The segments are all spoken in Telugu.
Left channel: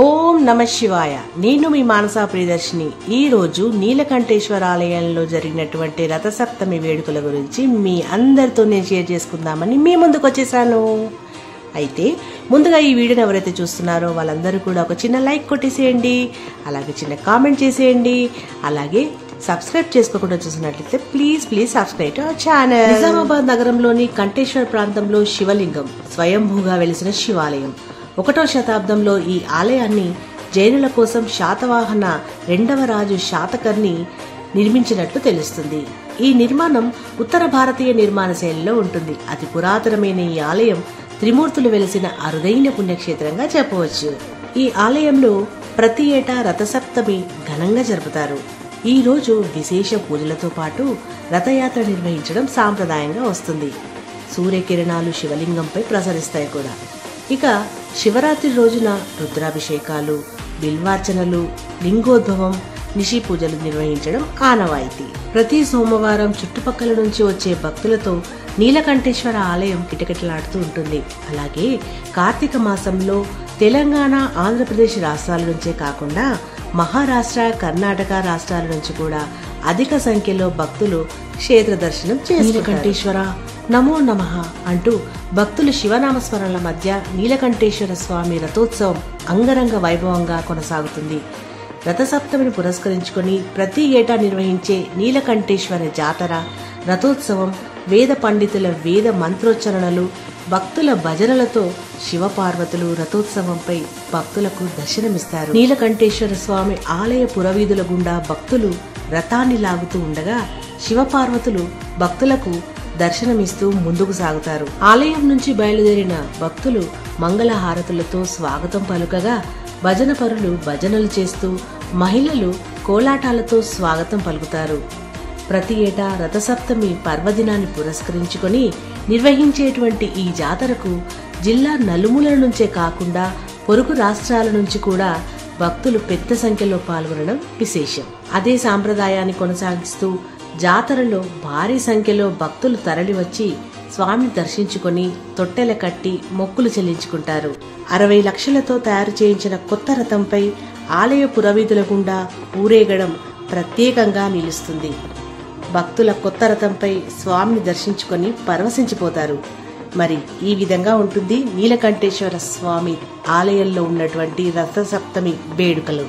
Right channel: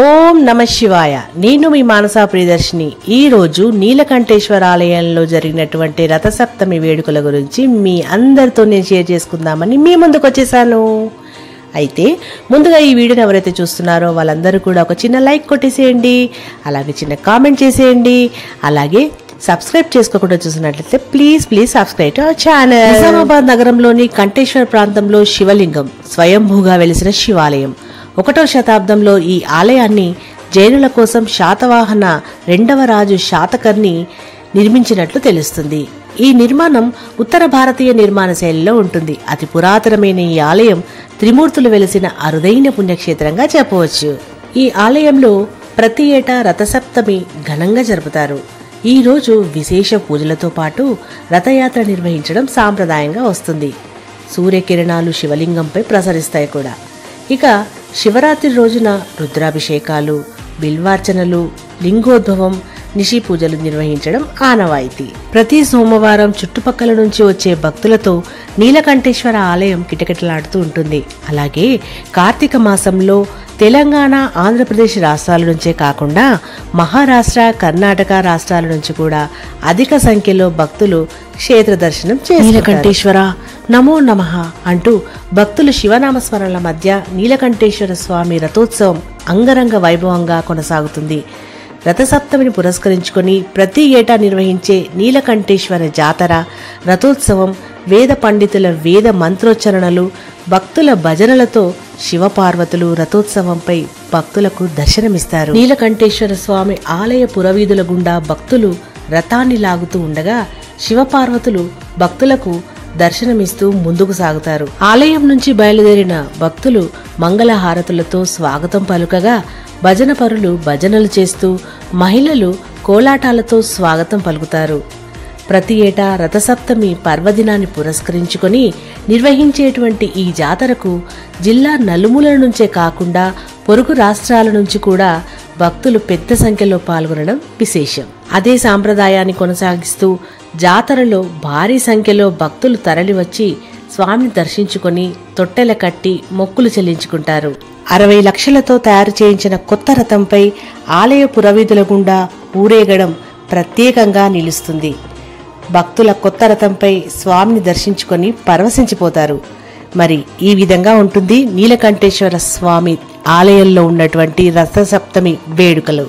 ఓం నమ శివాయ. నేను మీ మానసా ప్రియదర్శిని. ఈ రోజు నీలకంఠేశ్వర ఆలయంలో జరిగినటువంటి రథసప్తమి వేడుకల గురించి మీ అందరితో నేను షేర్ చేసుకుందామని మీ ముందుకు వచ్చేసాను. అయితే ముందుగా ఈ వీడియోని ఎవరైతే చూస్తున్నారో వాళ్ళందరూ కూడా ఒక చిన్న లైక్ కొట్టేసేయండి, అలాగే చిన్న కామెంట్ చేసేయండి, అలాగే సబ్స్క్రైబ్ చేసుకోకుండా చూసినట్లయితే please subscribe to our channel. Nizamabad నగరంలోని కంఠేశ్వర ప్రాంతంలో శివలింగం స్వయంభూగా వెలిసిన శివాలయం. 1వ శతాబ్దంలో ఈ ఆలయాన్ని జైనుల కోసం శాతవాహన 2వ రాజు శాతకర్ణి నిర్మించినట్లు తెలుస్తుంది. ఈ నిర్మాణం ఉత్తర భారతీయ నిర్మాణ శైలిలో ఉంటుంది. అతి పురాతనమైన ఈ ఆలయం త్రిమూర్తులు వెలిసిన అరుదైన పుణ్యక్షేత్రంగా చెప్పవచ్చు. ఈ ఆలయంలో ప్రతి ఏటా రథసప్తమి ఘనంగా జరుపుతారు. ఈ రోజు విశేష పూజలతో పాటు రథయాత్ర నిర్వహించడం సాంప్రదాయంగా వస్తుంది. సూర్యకిరణాలు శివలింగంపై ప్రసరిస్తాయి కూడా. ఇక శివరాత్రి రోజున రుద్రాభిషేకాలు, బిల్వార్చనలు, లింగోద్భవం, నిషి పూజలు నిర్వహించడం ఆనవాయితీ. ప్రతి సోమవారం చుట్టుపక్కల నుంచి వచ్చే భక్తులతో నీలకంఠేశ్వర ఆలయం కిటకిటలాడుతూ ఉంటుంది. అలాగే కార్తీక మాసంలో తెలంగాణ, ఆంధ్రప్రదేశ్ రాష్ట్రాల నుంచే కాకుండా మహారాష్ట్ర, కర్ణాటక రాష్ట్రాల నుంచి కూడా అధిక సంఖ్యలో భక్తులు క్షేత్ర దర్శనం చేస్తారు. నీలకంఠేశ్వర నమో నమః అంటూ భక్తులు శివనామస్మరణల మధ్య నీలకంఠేశ్వర స్వామి రథోత్సవం అంగరంగ వైభవంగా కొనసాగుతుంది. రథసప్తమిని పురస్కరించుకొని ప్రతి ఏటా నిర్వహించే నీలకంఠేశ్వర జాతర, రథోత్సవం వేద పండితుల వేద మంత్రోచ్చరణలు, భక్తుల భజనలతో శివపార్వతులు రథోత్సవంపై భక్తులకు దర్శనమిస్తారు. నీలకంఠేశ్వర స్వామి ఆలయ పురవీధుల గుండా భక్తులు రథాన్ని లాగుతూ ఉండగా శివపార్వతులు భక్తులకు దర్శనమిస్తూ ముందుకు సాగుతారు. ఆలయం నుంచి బయలుదేరిన భక్తులు మంగళహారతులతో స్వాగతం పలుకగా భజన పరులు భజనలు చేస్తూ, మహిళలు కోలాటాలతో స్వాగతం పలుకుతారు. ప్రతి ఏటా రథసప్తమి పర్వదినాన్ని పురస్కరించుకొని నిర్వహించేటువంటి ఈ జాతరకు జిల్లా నలుమూలల నుంచే కాకుండా పొరుగు రాష్ట్రాల నుంచి కూడా భక్తులు పెద్ద సంఖ్యలో పాల్గొనడం విశేషం. అదే సాంప్రదాయాన్ని కొనసాగిస్తూ జాతరలో భారీ సంఖ్యలో భక్తులు తరలివచ్చి స్వామిని దర్శించుకొని తొట్టెల కట్టి మొక్కులు చెల్లించుకుంటారు. 60 లక్షలతో తయారు చేయించిన కొత్త రథంపై ఆలయ పురవీధుల గుండా ఊరేగడం ప్రత్యేకంగా నిలుస్తుంది. భక్తుల కొత్త రథంపై స్వామిని దర్శించుకొని పరవశించిపోతారు. మరి ఈ విధంగా ఉంటుంది నీలకంఠేశ్వర స్వామి ఆలయంలో ఉన్నటువంటి రథసప్తమి వేడుకలు.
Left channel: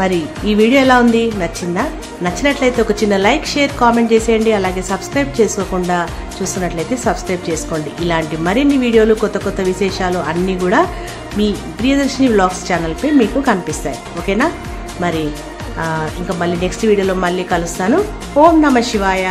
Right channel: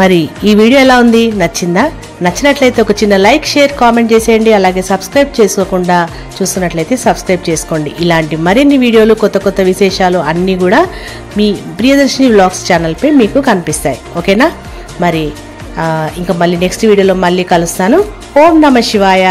మరి ఈ వీడియో ఎలా ఉంది, నచ్చిందా? నచ్చినట్లయితే ఒక చిన్న లైక్, షేర్, కామెంట్ చేసేయండి. అలాగే సబ్స్క్రైబ్ చేసుకోకుండా చూస్తున్నట్లయితే సబ్స్క్రైబ్ చేసుకోండి. ఇలాంటి మరిన్ని వీడియోలు, కొత్త కొత్త విశేషాలు అన్నీ కూడా మీ ప్రియదర్శిని వ్లాగ్స్ ఛానల్పై మీకు కనిపిస్తాయి. ఓకేనా? మరి ఇంకా మళ్ళీ నెక్స్ట్ వీడియోలో మళ్ళీ కలుస్తాను. ఓం నమః శివాయ.